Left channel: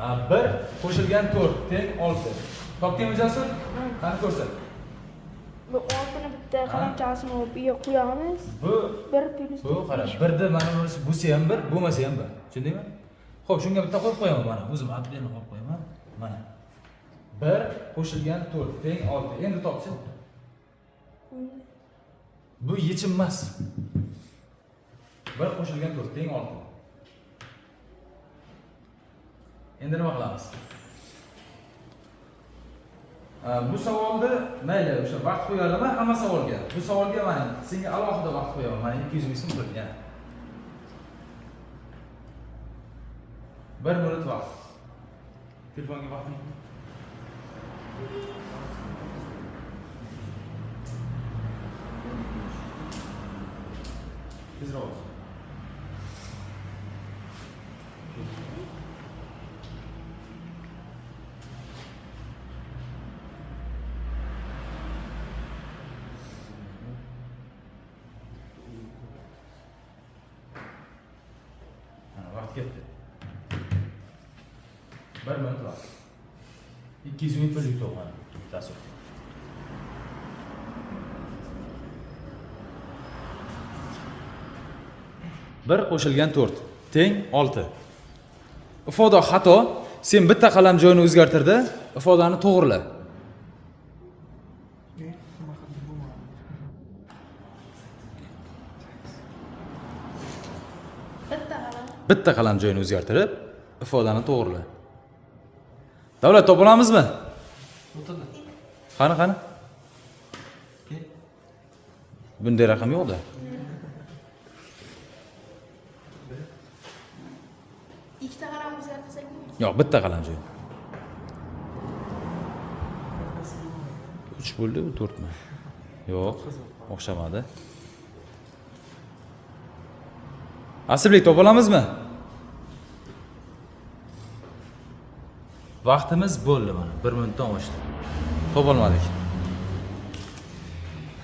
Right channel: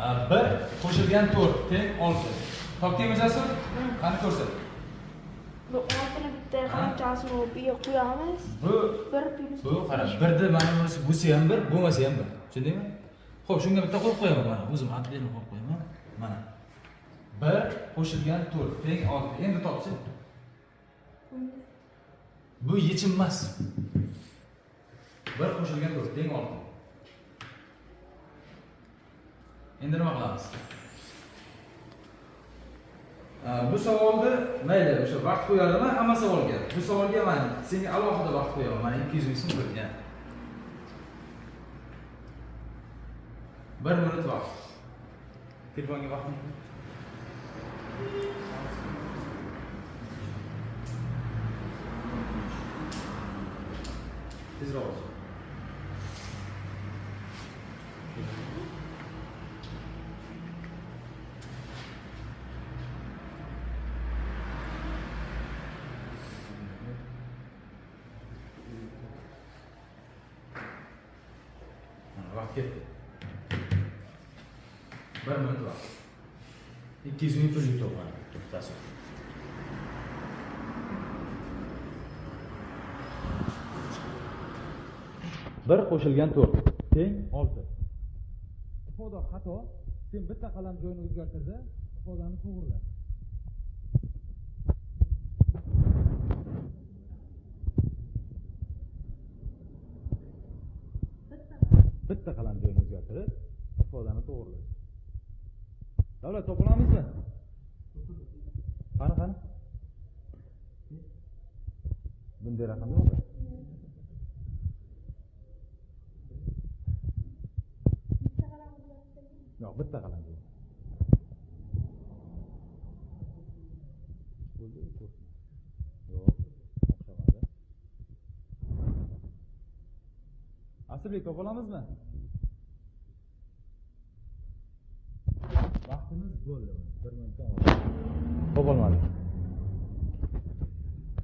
1 qo'shilgan 4 teng 6. Topgan o'zasi? Qani ko'rsat. Bu 6 ni bitta qalamchasini olib qo'yamiz. Bu 1 plus bu qarang, 1 da mana bunisi bo'lsa ham 1, bo'lmasa ham 1. Tushundingmi? Xo'p, shunga bitta qo'yib qo'yaman mana. O'zim atlarni qo'yib qo'yaman. Mana. 1 qo'shilgan 4 teng 6. Endi topchi. Bu yechim emas. 1 qo'shilgan 4 teng 6. Endi nima qilamiz? Bu savolda mayli, o'sha vaqt qo'yadimi hamma savolga? Bu savolga mana senga alohida vaqt qo'yaman. Mana 200 so'm turibdi. 1 minut vaqt. Telefonga vaqting. Tezroq. Vaqt ketdi. 1 minut vaqt. 200 ming pul yutib bittasi. Bir qo'shilgan 4 teng 6. Ifoda xato. Sen bitta qalam joyini o'zgartirdi, ifodani to'g'rila. Bitta qalam joyini o'zgartirib, ifodani to'g'rila. Davlat topa olamizmi? Qani? Bunday raqam yo'q-da. Ikkita qalam o'zgartirsak bo'ladi. Yo'q, bitta qalam joy. 3 bo'ldi, 4 mi? Yo'q, o'xshamadi. Aslibek topa olamizmi? Vaqtimiz bo'ldi mana. 1 minutdan oshdi. Topa olmadik.